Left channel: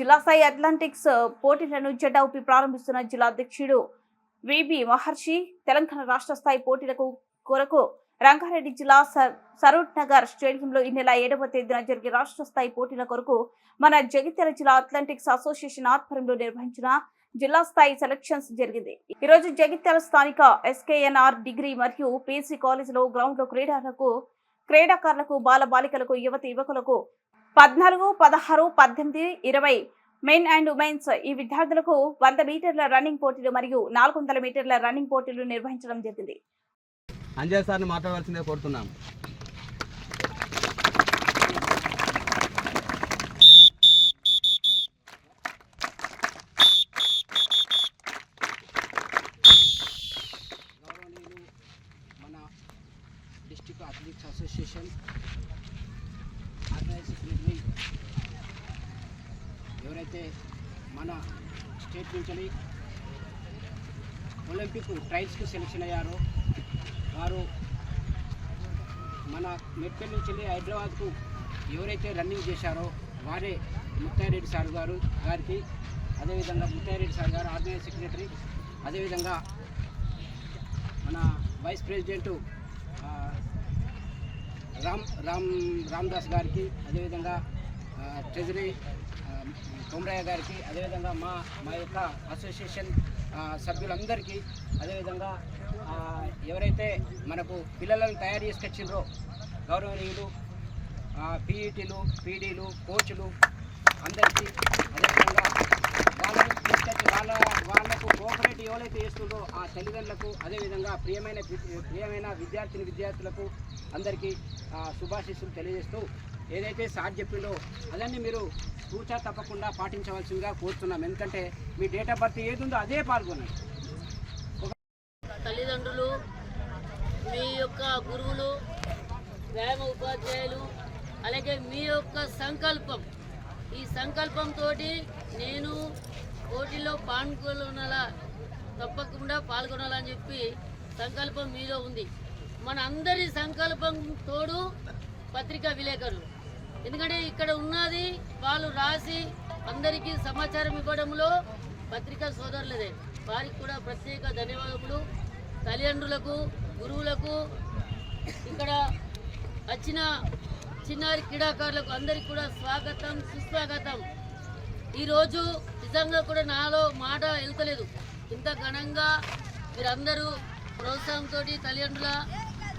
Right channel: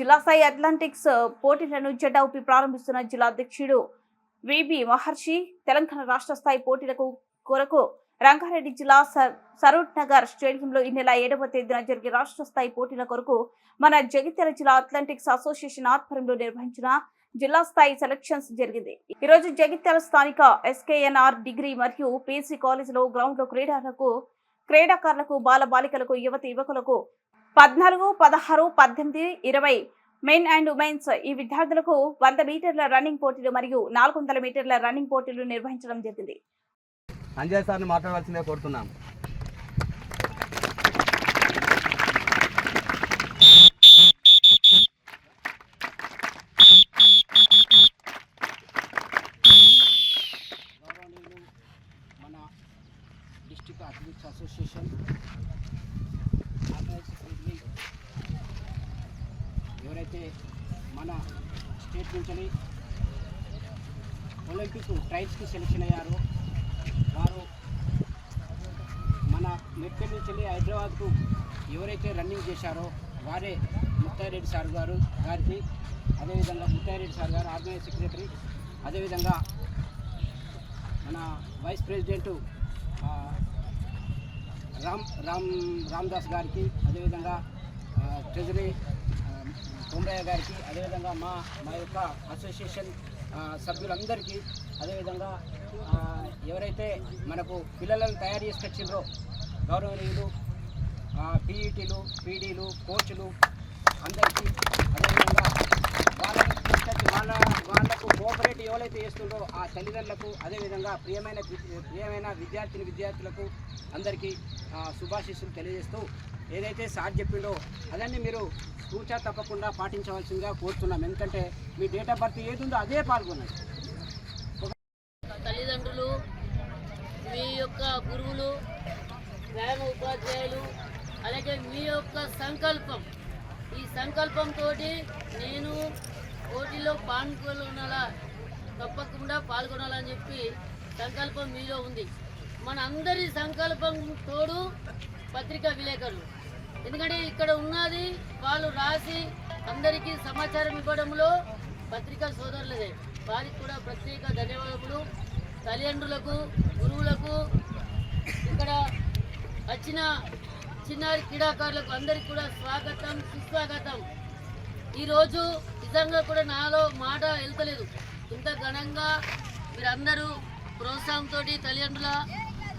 జిల్లా స్థాయి అథ్లెటిక్స్ పోటీలను జెడ్డౌపి ప్రారంభిస్తున్న జిల్లా అధ్యక్షుడు విబి మహర్షి తెలంగాణ రాష్ట్ర స్థాయి పోటీలకు కొరకు రంగారెడ్డి జిల్లా సరూర్ నగర్ స్టేడియంలో ఈ నెల 7వ తేదీన జరిగే రాష్ట్ర స్థాయి పోటీల కొరకు మన జగిత్యాల జిల్లా అథ్లెటిక్స్ అసోసియేషన్ ఆధ్వర్యంలో నిర్వహించిన జిల్లా స్థాయి సెలక్షన్స్ జరిగింది. ఈ రోజు జగిత్యాల స్థానిక ఎస్కేఎన్ఆర్ డిగ్రీ మరియు పీసీ కాలేజీలో గ్రౌండ్ లో క్రీడాకారులకు బాలబాలికలకు యువకులకు 14, 16, 18, 20 మెన్ అండ్ ఉమెన్స్ ఈ విద్యార్థులకు 100 మీటర్ల రన్నింగ్ పోటీలు మరియు 400 మీటర్ల రన్నింగ్ పోటీలు నిర్వహించడం జరిగింది. అంజయ్ సార్ని మాట్లాడాల్సిందే కోరుతున్నాం. గౌరవనీయులు మన డిస్ట్రిక్ట్ అథ్లెటిక్స్ అసోసియేషన్ ఆర్గనైజేషన్ ఎవరైతే మన స్టేట్ నుంచి ఒలింపిక్ ట్రయల్స్కి సెలెక్షన్ అయ్యారో వారు మన మెట్పల్లి నుంచి హైదరాబాద్కు ఎవరైతే రన్నింగ్ చేశారో వారే ముత్తారెడ్డి సార్ గారికి అదేవిధంగా ముత్తారెడ్డి సార్ గారు ఆర్గనైజ్ సెక్రటరీ, అదేవిధంగా మన వైస్ ప్రెసిడెంటు రామ్దాస్ గారికి, అదేవిధంగా ట్రెజరీ తోమరయ్య గారికి, అదేవిధంగా మా యొక్క అసోసియేషన్ సభ్యులందరికీ, అదేవిధంగా ఎవరైతే మనకు పిల్లలను తయారు చేసుకొచ్చిండ్రో గౌరవనీయులు పీఈటీలు, పీడీలు, కోచ్లు అందరికీ, అదేవిధంగా వాళ్ళకు కోఆపరేట్ ఎవరైతే చేస్తుందో ఆ తల్లిదండ్రులకు, అదేవిధంగా ప్రియమైన విద్యార్థులకు అందరికీ శుభాశీస్సులు తెలియజేస్తూ ఏదైతే సార్ చెప్పిండో అదన్నీ మీరు తూచా తప్పకుండా పాటించవలసిందిగా కోరుతున్నాం. ఎందుకంటే మీ డేట్ ఆఫ్ బర్త్ ఏది ఉందో అదే పాల్గొనండి. తల్లిదండ్రులు, మీ యొక్క గురువులు, వ్యాయామ ఉపాధ్యాయులు, అలాగే మీ యొక్క సంకల్పం, ఈ సంకల్పంతో నేను పోటీలో తప్పకుండా పాల్గొనాలని చెప్పి సంకల్పం మీలో ఉంది. మన అందరి సంకల్పం తోడు పత్రికా విలేకరులు, ఎందుకంటే ఇక్కడ ఉన్నది వాళ్ళు రాసి అందరికీ సమాచారం ఇవ్వడంలో పత్రికా సోదరులదే. వారికి కూడా ప్రత్యేక ధన్యవాదములు. తల్లిదండ్రులకు, గురువులకు, ఇక్కడ వచ్చిన చిన్నారి క్రీడాకారులకు అందరికీ కూడా స్వాగతం, సుస్వాగతం. ఈరోజు నిజంగా కూడా నాలో మాట వెళ్తలేదు. ఇంత ఘనంగా మీరందరూ ప్రోత్సాహంతో తల్లిదండ్రుల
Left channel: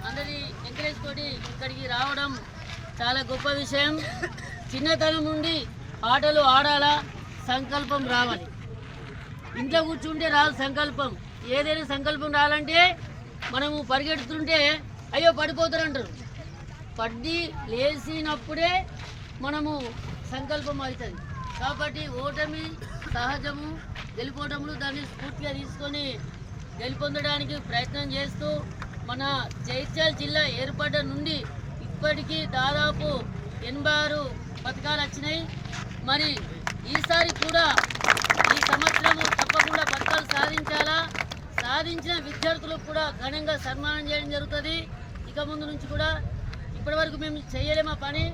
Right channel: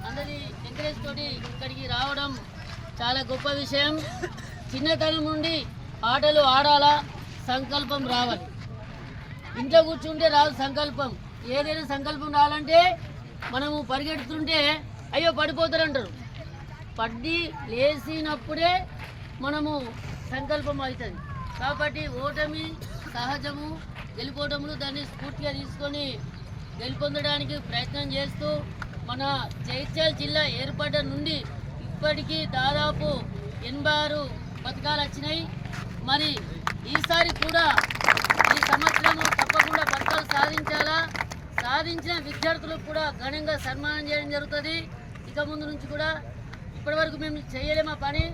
అందరి ఎంకరేజ్ తోటి ఇక్కడికి రావడం చాలా గొప్ప విషయం. చిన్నతనం నుండి ఆటలు ఆడాలా, సంకల్పం రావాలి. ఇంట్లో కూర్చుంటే రాదు సంకల్పం. ఏదైనా సంకల్పం రావాలంటే మనము పరిగెడుతుంటే అయ్యో పడిపోతారంటారు. పడి లేచినప్పుడే మనము సంకల్పం అవుతుంది. కాబట్టి ఓటమి సహజము, గెలుపోవటములు దాన్ని స్ఫూర్తిగా తీసుకొని గెలుపొందడానికి ప్రయత్నం చేస్తూ మన జగిత్యాల జిల్లా ఏర్పడ్డ నుండి ఇప్పటికీ దాదాపు 86 పథకాలు వచ్చినాయి. మరి ఈసారి కూడా ఈ సంవత్సరము తప్పకుండా పథకాలు సాధించాలా. సాధించిన విద్యార్థులకు కూడా ఘనంగా సన్మానం చేయడం జరుగుతుంది. ఇక ముందు నుంచి కూడా ఇప్పటివరకు మేము చేయలేమా పని.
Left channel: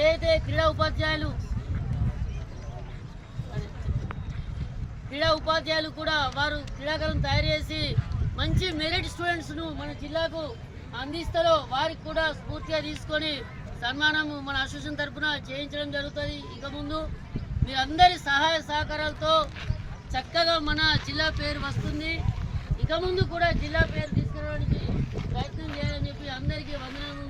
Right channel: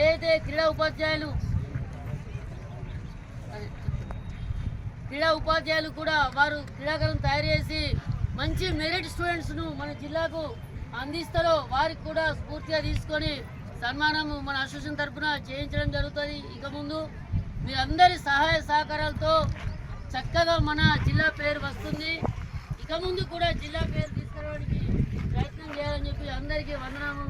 ఏదైతే క్రీడా ఉపాధ్యాయులు కూడా వారు క్రీడాకారులను తయారు చేసి మంచి మెరిట్ స్టూడెంట్స్ను మన జిల్లాకు అందిస్తారో వారికి కూడా స్ఫూర్తిగా తీసుకొని సన్మానం మన అసోసియేషన్ తరఫున చేయించడం జరుగుతుంది. ఇక ముందు మీరందరి సహాయ సహకారాలతో చక్కగా మన జిల్లా పేరు వస్తుంది. ఇక ముందు కూడా జిల్లా పేరు తీసుకురావడానికి ప్రయత్నం చేయాలని చెప్పి అందరికీ వందనాలు.